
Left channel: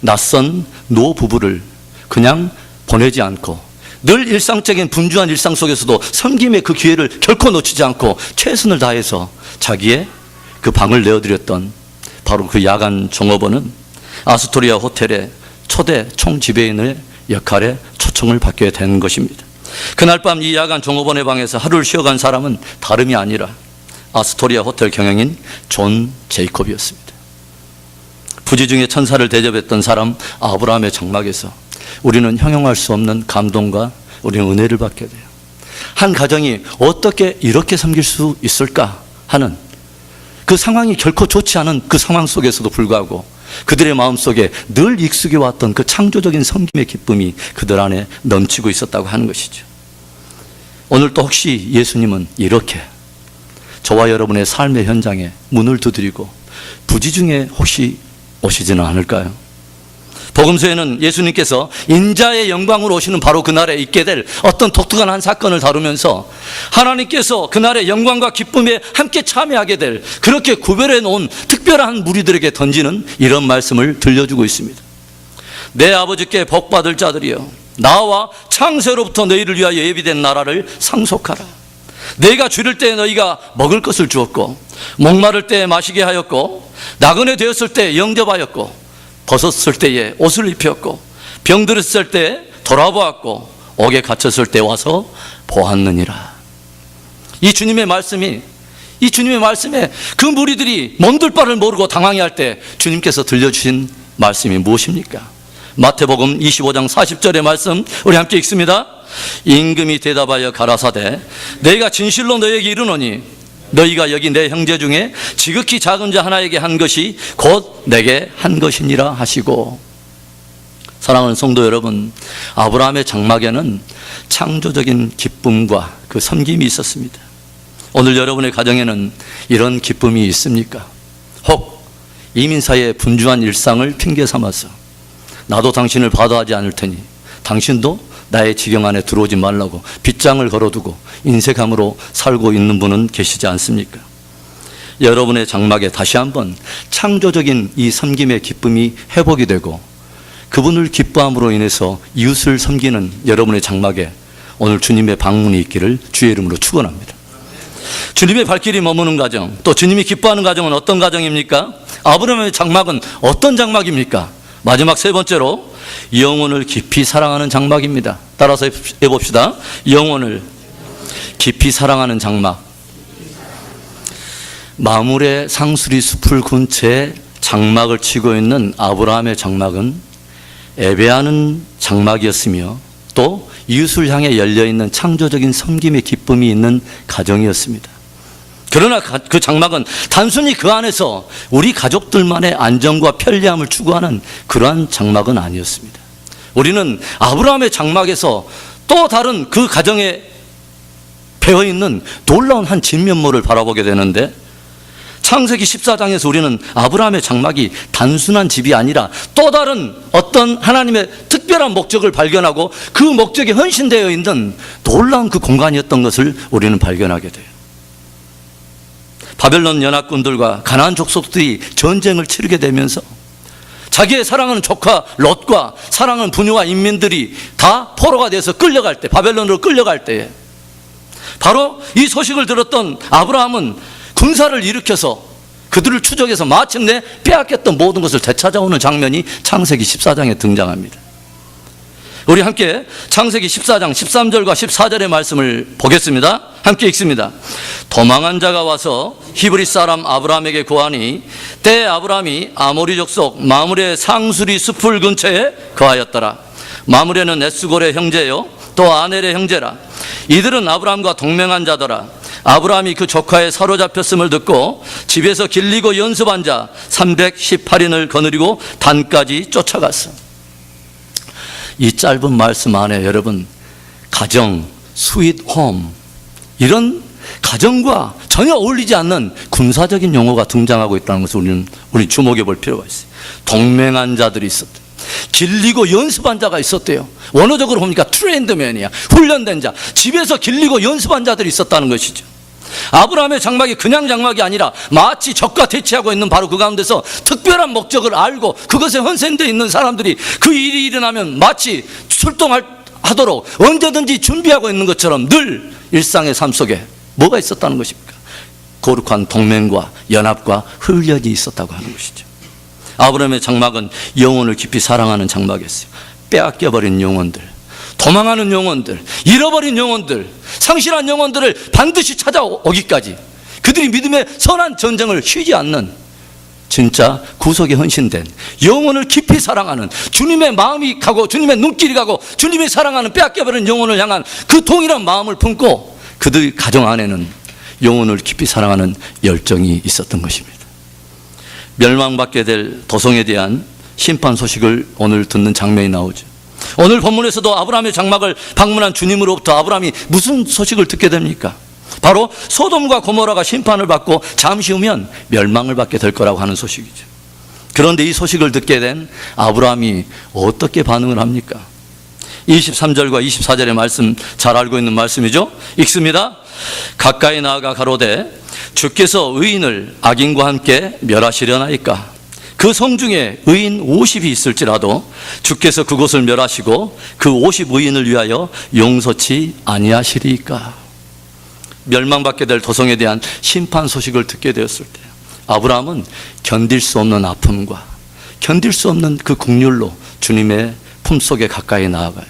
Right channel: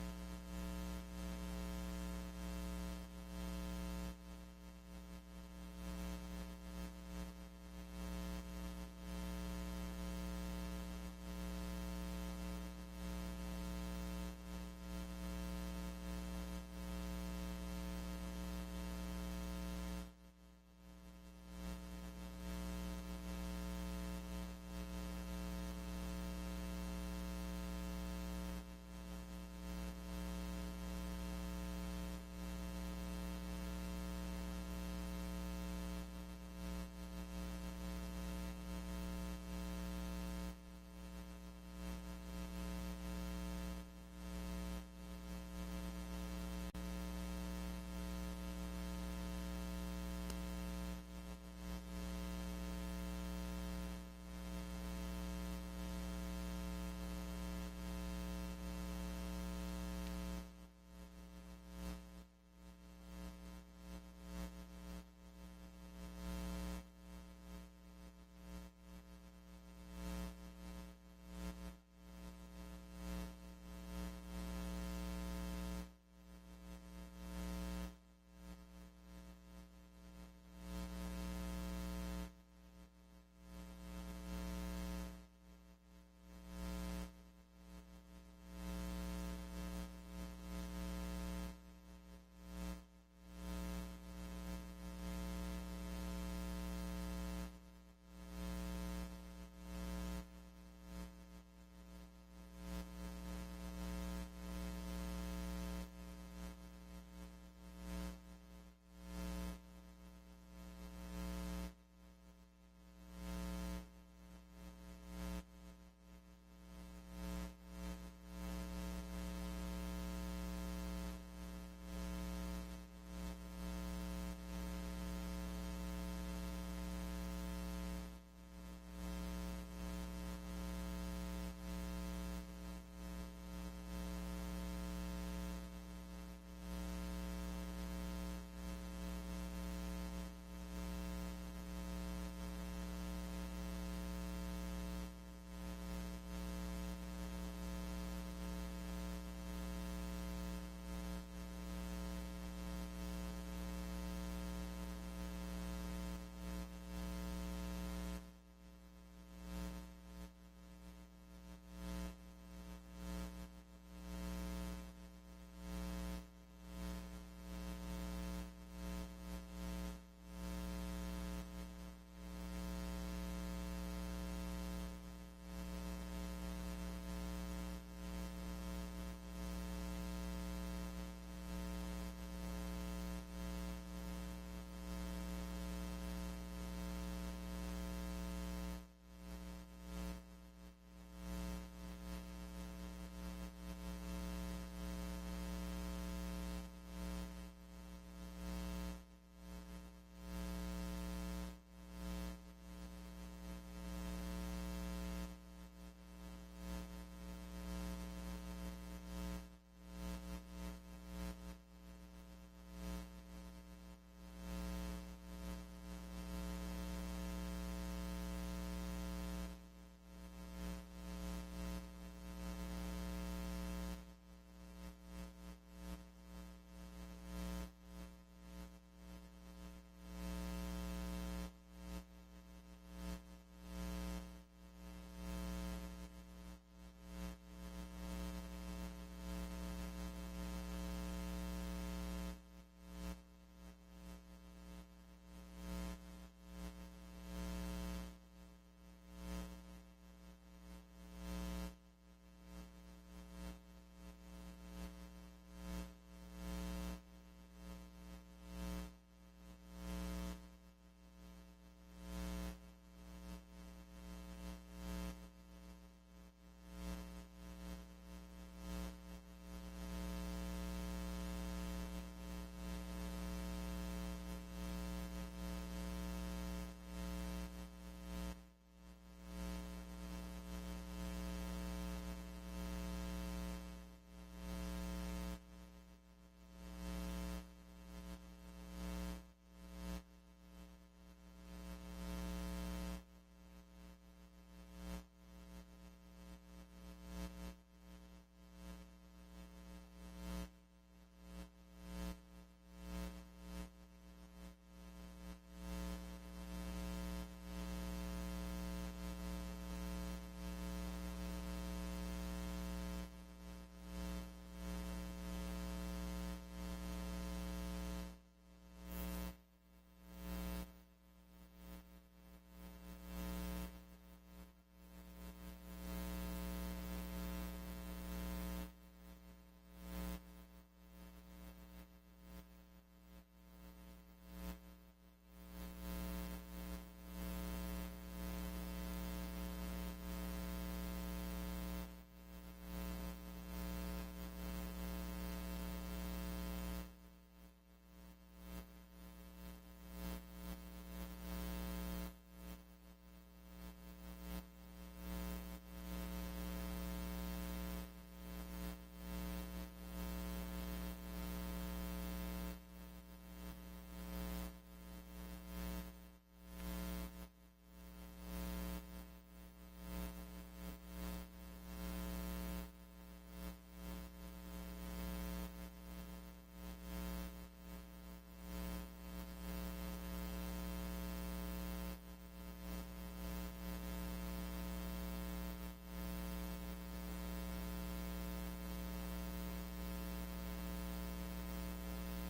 낯선 노부부를 그냥 보내지 않고 늘 일상적인 분주한 일상 속에서도 섬김의 그 기회를 결코 놓치지 않고 최선을 다해서 자기의 그 방을 내어드렸던 바로 그 야간 종업원은 아스토리아 호텔의 초대 총지배인의 역할에 초청을 받게 된 것입니다. 그날 밤 이 야간 종업원의 방에서 하루를 쉬어간 사람은 다름이 아니라 아스토리아 호텔 경영인 존 제이콥이었습니다. 부지 중에 천사를 대접했던 사람 아브라함의 장막에서 우리는 형용할 수 없는 감동과 우리는 은혜를 받게 돼요. 한 가정이 어떻게 이렇게 섬길 수 있을까 하는 그 상황이 결코 좋지 않은 그 상황 속에서도 불구하고 그들의 마음속에 늘 익숙해 왔던 그 창조적인 섬김의 기쁨이 그들 안에 넘치고 있었다고 하는 것이죠. 오늘 또 혹시 예수님은 이렇게 저와 여러분의 삶의 현장에 문을 두드리고 부지 중에 혹시 오시지는 않을까요? 복음서에는 예수님께서 인자의 영광으로 오시는 바로 그날에 있게 될 어떤 독특한 한 사건을 다루면서 하나님께서 그날의 영광과 기쁨에 함께 참여하게 될 그렇게 구별해 놓은 특별한 무리들에게 던지는 이런 말씀을 들려주고 있습니다. 내 아버지께 복받을 자들이여, 나와 창세로부터 너희를 위하여 예비된 나라를 상속하라. 내가 줄일 때 너희가 먹을 것을 주었고, 목마를 때 마시게 하였고, 나그네 되었을 때 영접하였고, 벗었을 때에 옷을 입혔고, 병들었을 때 돌아보았고, 옥에 갇혔을 때 와서 보았느니라. 이 주님의 말씀에 그 무리들이 몸둘 바를 모르고 당황해할 때 주님께서 들려주신 말씀이 무엇입니까? 마태복음 25장 40절의 말씀 우리 함께 읽습니다. 임금이 대답하여 가라사대 내가 진실로 너에게 이르노니 너희가 여기 내 형제 중에 지극히 작은 자 하나에게 한 것이 곧 내게 한 것이니라 하시고. 사랑하는 성도 여러분, 아브라함의 장막에는 창조적인 기쁨과 그 섬김이 있었습니다. 오늘 여러분의 가정에는 이런 기쁨이 있습니까? 혹 이민사의 분주한 일상을 핑계 삼아서 나도 당신을 바다하지 않을 테니 당신도 나의 지경 안에 들어오지 말라고 빗장을 걸어두고 인색함으로 살고 있는 분은 계시지 않습니까? 여러분의 장막에 다시 한번 창조적인 이 섬김의 기쁨이 회복이 되고 그분을 기뻐함으로 인해서 이웃을 섬기는 여러분의 장막에 오늘 주님의 방문이 있기를 주의 이름으로 축원합니다. 주님의 발길이 머무는 가정, 또 주님이 기뻐하는 가정은 어떤 가정입니까? 아브라함의 장막은 어떤 장막입니까? 마지막 세 번째로 영혼을 깊이 사랑하는 장막입니다. 따라서 해봅시다. 영혼을 깊이 사랑하는 장막. 마므레 상수리 숲을 근처에 장막을 치고 있는 아브라함의 장막은 예배하는 장막이었으며 또 이웃을 향해 열려있는 창조적인 섬김의 기쁨이 있는 가정이었습니다. 그러나 그 장막은 단순히 그 안에서 우리 가족들만의 안정과 편리함을 추구하는 그러한 장막은 아니었습니다. 우리는 아브라함의 장막에서 또 다른 그 가정에 배어있는 놀라운 한 진면모를 바라보게 되는데, 창세기 14장에서 우리는 아브라함의 장막이 단순한 집이 아니라 또 다른 어떤 하나님의 특별한 목적을 발견하고 그 목적에 헌신되어 있는 놀라운 그 공간이었던 것을 우리는 발견하게 돼요. 바벨론 연합군들과 가나안 족속들이 전쟁을 치르게 되면서 자기의 사랑하는 조카 롯과 사랑하는 부녀와 인민들이 다 포로가 돼서 끌려갈 때, 바벨론으로 끌려갈 때에 바로 이 소식을 들었던 아브라함은 군사를 일으켜서 그들을 추적해서 마침내 빼앗겼던 모든 것을 되찾아오는 장면이 창세기 14장에 등장합니다. 우리 함께 창세기 14장 13절과 14절의 말씀을 보겠습니다. 함께 읽습니다. 도망한 자가 와서 히브리 사람 아브라함에게 고하니 때에 아브라함이 아모리 족속 마므레 상수리 숲을 근처에 거하였더라. 마므레는 에스골의 형제요 또 아넬의 형제라. 이들은 아브라함과 동맹한 자더라. 아브라함이 그 조카에 사로잡혔음을 듣고 집에서 길리고 연습한 자 318인을 거느리고 단까지 쫓아갔어. 이 짧은 말씀 안에 여러분, 가정, 스윗 홈, 이런 가정과 전혀 어울리지 않는 군사적인 용어가 등장하고 있다는 것을 우리 주목해 볼 필요가 있어요. 동맹한 자들이 있었대요. 길리고 연습한 자가 있었대요. 원어적으로 보니까 트레인드맨이야, 훈련된 자. 집에서 길리고 연습한 자들이 있었다는 것이죠. 아브라함의 장막이 그냥 장막이 아니라 마치 적과 대치하고 있는 바로 그 가운데서 특별한 목적을 알고 그것에 헌신되어 있는 사람들이 그 일이 일어나면 마치 출동하도록 언제든지 준비하고 있는 것처럼 늘 일상의 삶 속에 뭐가 있었다는 것입니까? 거룩한 동맹과 연합과 훈련이 있었다고 하는 것이죠. 아브라함의 장막은 영혼을 깊이 사랑하는 장막이었어요. 빼앗겨버린 영혼들, 도망하는 영혼들, 잃어버린 영혼들, 상실한 영혼들을 반드시 찾아오기까지 그들이 믿음의 선한 전쟁을 쉬지 않는 진짜 구속에 헌신된 영혼을 깊이 사랑하는, 주님의 마음이 가고 주님의 눈길이 가고 주님이 사랑하는 빼앗겨버린 영혼을 향한 그 동일한 마음을 품고 그들 가정 안에는 영혼을 깊이 사랑하는 열정이 있었던 것입니다. 멸망받게 될 도성에 대한 심판 소식을 오늘 듣는 장면이 나오죠. 오늘 본문에서도 아브라함의 장막을 방문한 주님으로부터 아브라함이 무슨 소식을 듣게 됩니까? 바로 소돔과 고모라가 심판을 받고 잠시 후면 멸망을 받게 될 거라고 하는 소식이죠. 그런데 이 소식을 듣게 된 아브라함이 어떻게 반응을 합니까? 23절과 24절의 말씀 잘 알고 있는 말씀이죠. 읽습니다. 가까이 나아가 가로되 주께서 의인을 악인과 함께 멸하시려나이까? 그 성 중에 의인 50이 있을지라도 주께서 그곳을 멸하시고 그 50 의인을 위하여 용서치 아니하시리이까? 멸망받게 될 도성에 대한 심판 소식을 듣게 되었을 때 아브라함은 견딜 수 없는 아픔과 견딜 수 없는 그 국률로 주님의 품속에 가까이 나아가요.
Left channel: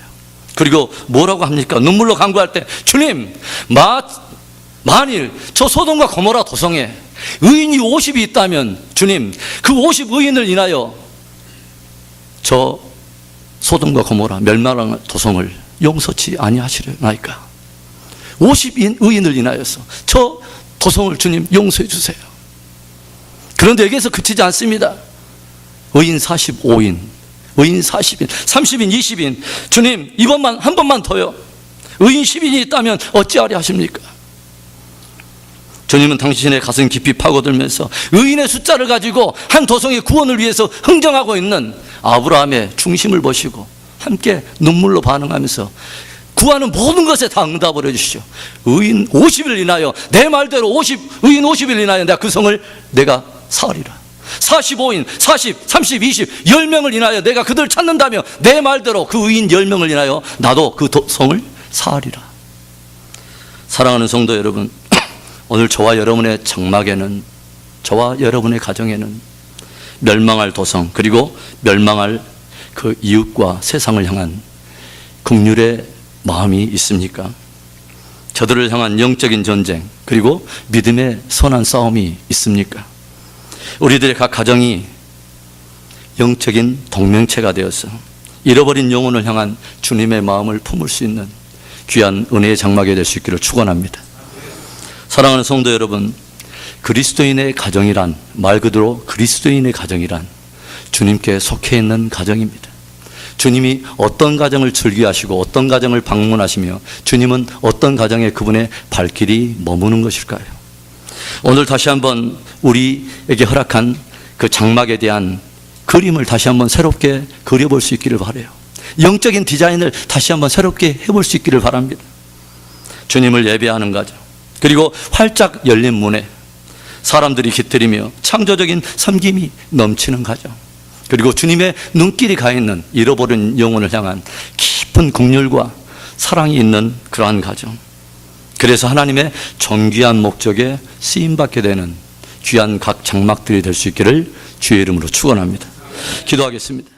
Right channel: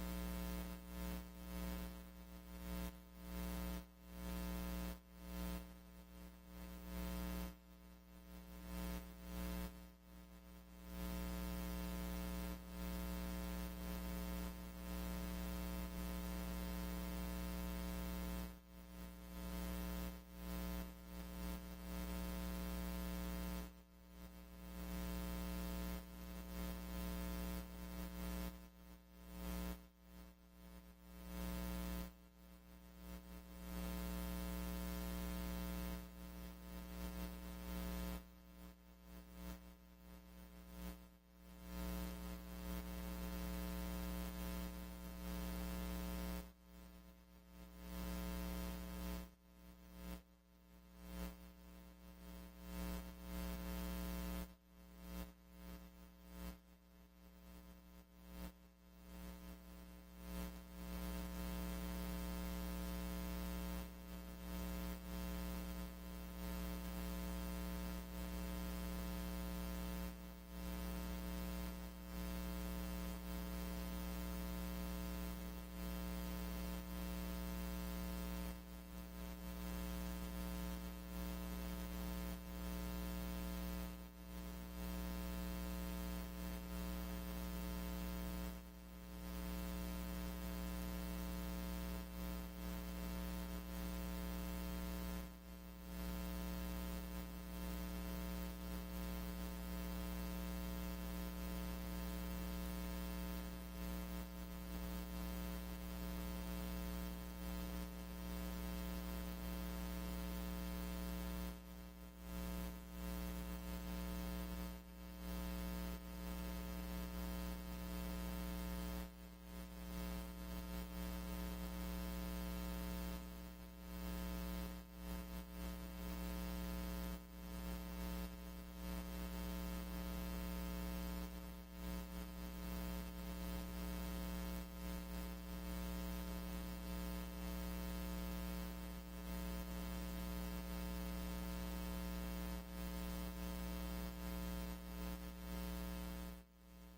그리고 뭐라고 합니까? 눈물로 간구할 때, 주님, 만일 저 소돔과 고모라 도성에 의인이 50이 있다면 주님, 그 50 의인을 인하여 저 소돔과 고모라 멸망한 도성을 용서치 아니하시려나이까? 50 의인을 인하여서 저 도성을 주님 용서해 주세요. 그런데 여기에서 그치지 않습니다. 의인 45인, 의인 40인, 30인, 20인, 주님 이번만 한 번만 더요. 의인 10인이 있다면 어찌하려 하십니까? 주님은 당신의 가슴 깊이 파고들면서 의인의 숫자를 가지고 한 도성의 구원을 위해서 흥정하고 있는 아브라함의 중심을 보시고 함께 눈물로 반응하면서 구하는 모든 것에 다 응답을 해주시죠. 의인 50일 인하여 내 말대로 의인 50일 인하여 내가 그 성을 내가 사으리라. 45인 40 30 20 10명을 인하여 내가 그들을 찾는다며 내 말대로 그 의인 10명을 인하여 나도 그 성을 사으리라. 사랑하는 성도 여러분, 오늘 저와 여러분의 장막에는, 저와 여러분의 가정에는 멸망할 도성, 그리고 멸망할 그 이웃과 세상을 향한 긍휼의 마음이 있습니까? 저들을 향한 영적인 전쟁, 그리고 믿음의 선한 싸움이 있습니까? 우리들의 각 가정이 영적인 동명체가 되어서 잃어버린 영혼을 향한 주님의 마음을 품을 수 있는 귀한 은혜의 장막이 될 수 있기를 축원합니다. 사랑하는 성도 여러분, 그리스도인의 가정이란, 말 그대로 그리스도인의 가정이란 주님께 속해 있는 가정입니다. 주님이 어떤 가정을 즐겨하시고 어떤 가정을 방문하시며 주님은 어떤 가정에 그분의 발길이 머무는 것일까요? 오늘 다시 한번 우리에게 허락한 그 장막에 대한 그림을 다시 한번 새롭게 그려볼 수 있기를 바라요. 영적인 디자인을 다시 한번 새롭게 해볼 수 있기를 바랍니다. 주님을 예배하는 가정, 그리고 활짝 열린 문에 사람들이 깃들이며 창조적인 섬김이 넘치는 가정, 그리고 주님의 눈길이 가 있는 잃어버린 영혼을 향한 깊은 긍휼과 사랑이 있는 그러한 가정, 그래서 하나님의 존귀한 목적에 쓰임받게 되는 귀한 각 장막들이 될 수 있기를 주의 이름으로 축원합니다. 기도하겠습니다.